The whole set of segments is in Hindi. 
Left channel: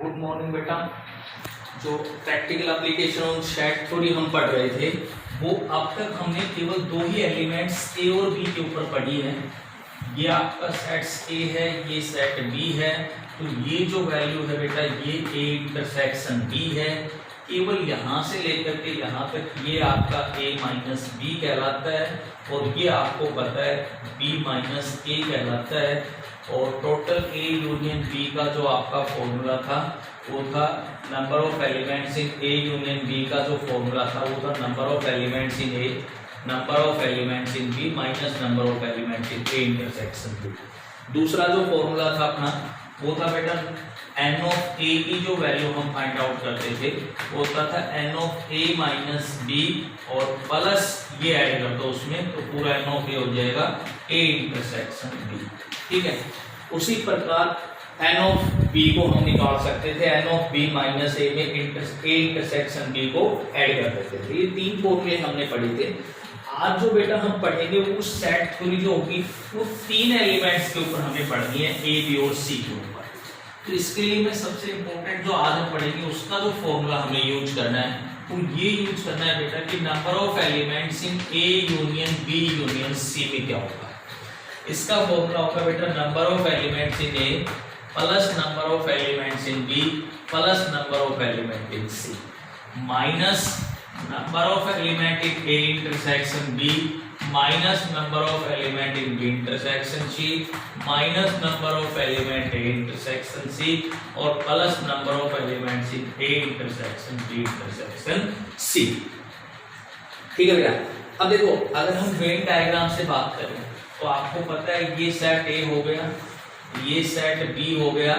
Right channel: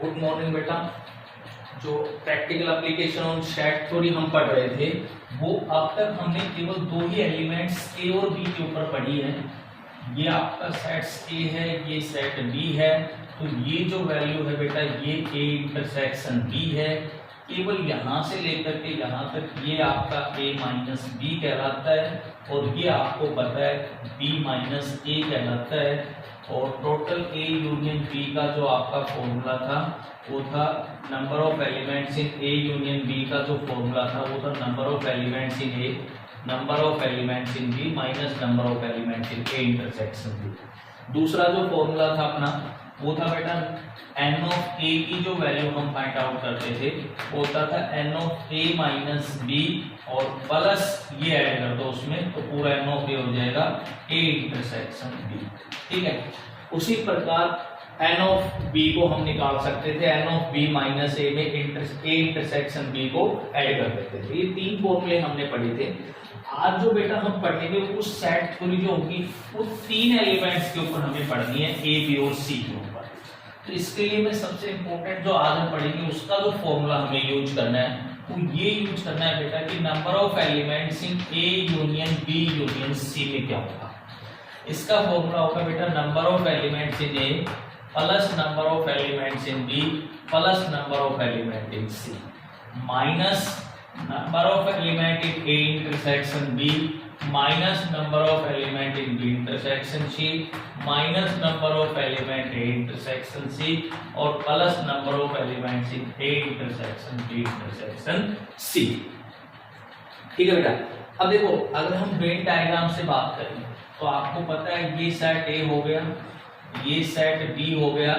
गुड मॉर्निंग बेटा। जो practical application on set theory हम पढ़ रहे थे वो अब तक हमने केवल दो ही एलिमेंट्स ए और बी के ऊपर पढ़ी है। ये आपका सेट ए है, ये सेट बी है। तो ये जो वैल्यू है बेटा ये ए इंटरसेक्शन बी है। केवल यहाँ से लेकर के यहाँ तक ये आपका a माइनस बी कहलाता है और ये आपको पता है b माइनस ए कहलाता है। और टोटल a यूनियन b का जो आपका फॉर्मूला था वो था number of elements in a union b का जो फॉर्मूला था वो था number of elements in a number of elements in b minus number of elements in a intersection b। दूसरा जो फॉर्मूला था अपना वो था बेटा n ऑफ a की जो वैल्यू हम फाइंड आउट करते थे वो होता था n of a minus b और प्लस ये ऐड कर दो उसमें तो पूरा n ऑफ a हो जाएगा a इंटरसेक्शन b। ठीक है, उसी प्रकार n ऑफ b को हम निकाल सकते थे n of b minus a में a इंटरसेक्शन b को ऐड कर देते थे। ये तीन फॉर्मूले हमने पढ़े थे। आज जो बेटा हम पढ़ेंगे वो कुछ सेट थ्योरी जो होगी वो तीन एलिमेंट्स के ऊपर हमें पढ़नी है a b और c के ऊपर। तो इसके लिए मैं सबसे इंपॉर्टेंट जो आज हम पढ़ेंगे उसका जो फॉर्मूला हमें यूज करना है वो ये यूज करना है बेटा कि number of elements in a union b union c में क्या होगा। इसका फॉर्मूला होगा बेटा number of elements in a plus number of elements in b plus number of element in c minus number of element in a intersection b minus number of element in b intersection c minus number of element a intersection c और plus number of elements in a intersection b intersection c। ठीक है बेटा। अब देखो अगर हम वेन डायग्राम से बात करें तो आपको पता है ये सेट a हो गया, ये सेट b हो गया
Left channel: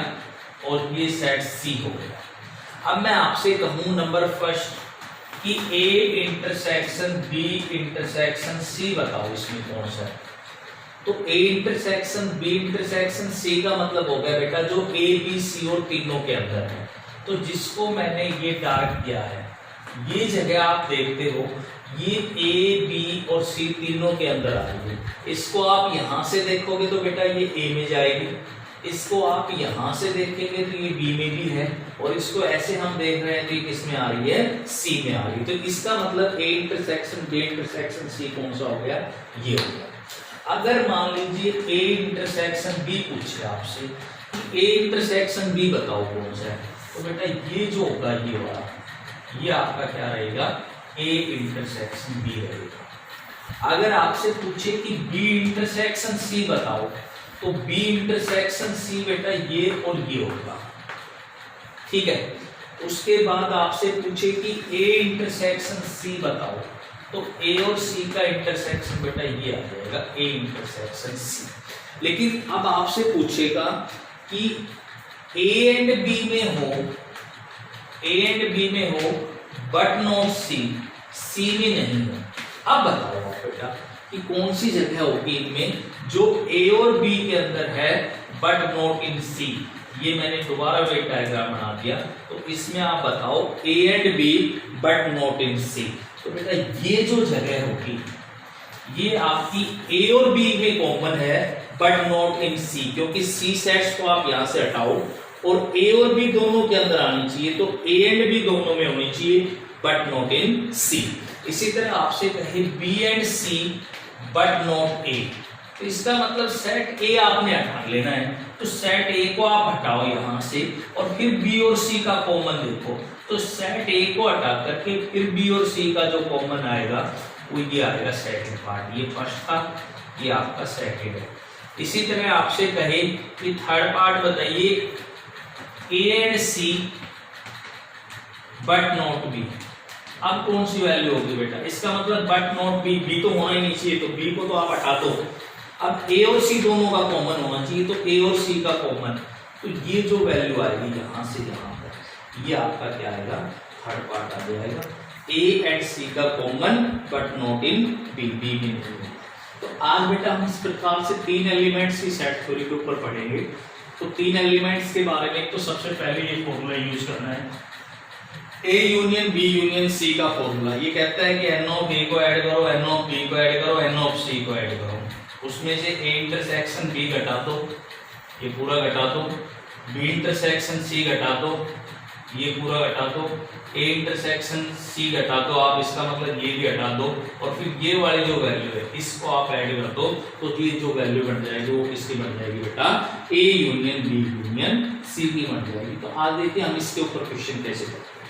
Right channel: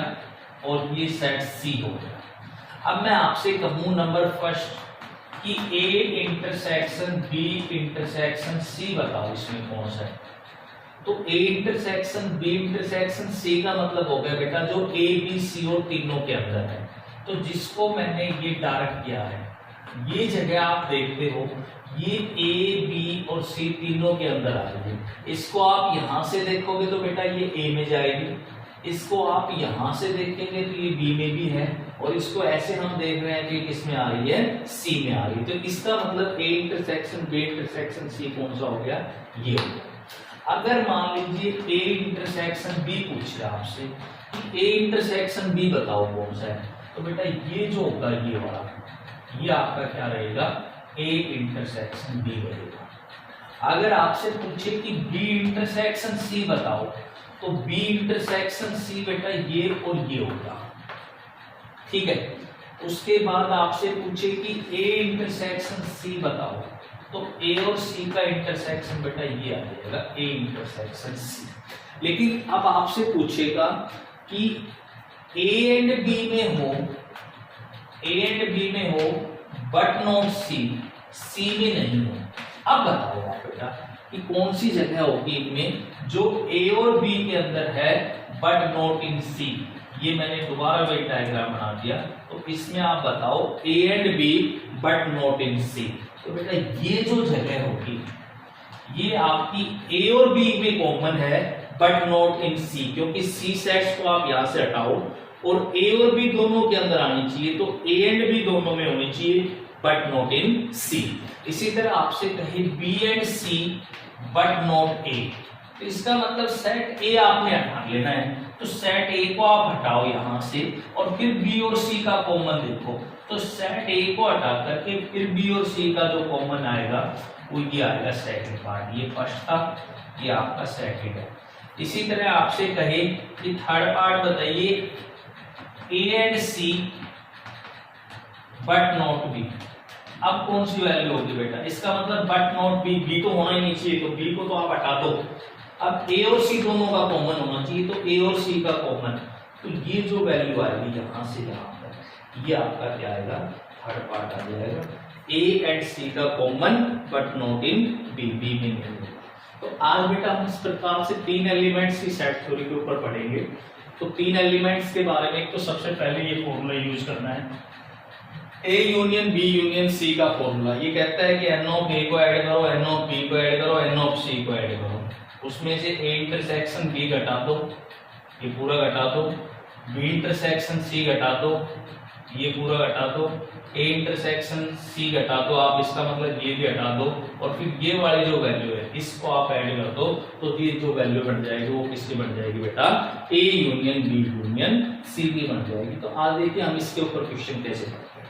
और ये सेट c हो गया। अब मैं आपसे कहूं नंबर फर्स्ट कि a intersection b intersection c बताओ इसमें कौन सा है। तो a intersection b intersection c का मतलब हो गया बेटा जो a b c और तीनों के अंदर है। तो जिसको मैंने ये डार्क किया है ये जगह आप देखते हो ये a b और c तीनों के अंदर आ रही है। इसको आप यहां से देखोगे तो बेटा ये a में जाएगी, इसको आप यहां से देखेंगे तो ये b में भी है और इसको ऐसे हम देख रहे हैं तो ये किस में आ रही है c में आ रही है। तो इसका मतलब a intersection b intersection c कौन सा हो गया, ये हो गया। अगर मान लीजिए a इंटरसेक्शन b पूछे आपसे कि a इंटरसेक्शन b बताओ कौन सा है तो बेटा ये जो होगा ये वाला ये आपका क्या रहेगा a इंटरसेक्शन b रहेगा। अगर आपसे पूछे कि b इंटरसेक्शन c बताओ तो b इंटरसेक्शन c बेटा ये और ये होगा। ठीक है, उसके बाद आपसे पूछे कि a इंटरसेक्शन c बताओ तो a और c का इंटरसेक्शन बेटा ये आ जाएगा a इंटरसेक्शन c। लेकिन अब आपसे पूछेगा कि a एंड b में हो, a एंड b में हो बट नॉट c में नहीं हो। अब बताओ आप बेटा कि कौन सी जगह होगी इनमें जो a और b के अंदर है बट नॉट इन c। ये मैंने दोबारा वेट डायग्राम बना दिया तो इसमें आप बताओ a and b but not in c। तो बेटा ये जो जगह होगी ये आपकी a और b में कॉमन है बट नॉट इन c, क्योंकि c सेट्स को आप यहां से हटाओ और a और b दोनों के अंदर आनी चाहिए तो a एंड b दोनों में होनी चाहिए बट नॉट इन c। इसी तरह आपसे कहे b and c but not a तो इसका मतलब सेट a आपने हटा लेना है। तो सेट a को आप हटाओ यहां से और फिर b और c का कॉमन देखो तो सेट a को हटा करके फिर b और c का जो कॉमन आएगा वो ये आएगा सेकंड पार्ट। ये फर्स्ट था, ये आपका सेकंड है। इसी तरह आपसे कहे कि थर्ड पार्ट बताइए a and c but not b। अब कौन सी वैल्यू होगी बेटा, इसका मतलब बट नॉट b, b तो होना ही नहीं चाहिए तो b को तो आप हटा दो। अब a और c दोनों का कॉमन होना चाहिए तो a और c का कॉमन, तो ये जो वैल्यू आएगी यहां से यहां तक ये आपका क्या आएगा, थर्ड पार्ट आ जाएगा a एंड c का common but not in b, b में नहीं होगा। तो आज बेटा हम इस प्रकार से तीन एलिमेंट्स की सेट थ्योरी के ऊपर पढ़ेंगे। तो तीन एलिमेंट्स के बारे में तो सबसे पहले ये फॉर्मूला यूज करना है a union b union c का फॉर्मूला। ये कहता है कि n ऑफ a को ऐड करो, n ऑफ b को ऐड करो, n ऑफ c को ऐड करो। उसमें से a इंटरसेक्शन b घटा दो, ये पूरा घटा दो बी इंटरसेक्शन सी घटा दो, ये पूरा घटा दो, ए इंटरसेक्शन सी घटा दो, आप इसका मतलब ये भी हटा दो, और फिर ये वाली जो वैल्यू है इसको आप ऐड कर दो, तो ये जो वैल्यू बन जाएगी वो किसकी बन जाएगी बेटा, A union B union C की बन जाएगी। तो आज देखिए हम इसके ऊपर क्वेश्चन कैसे करते हैं।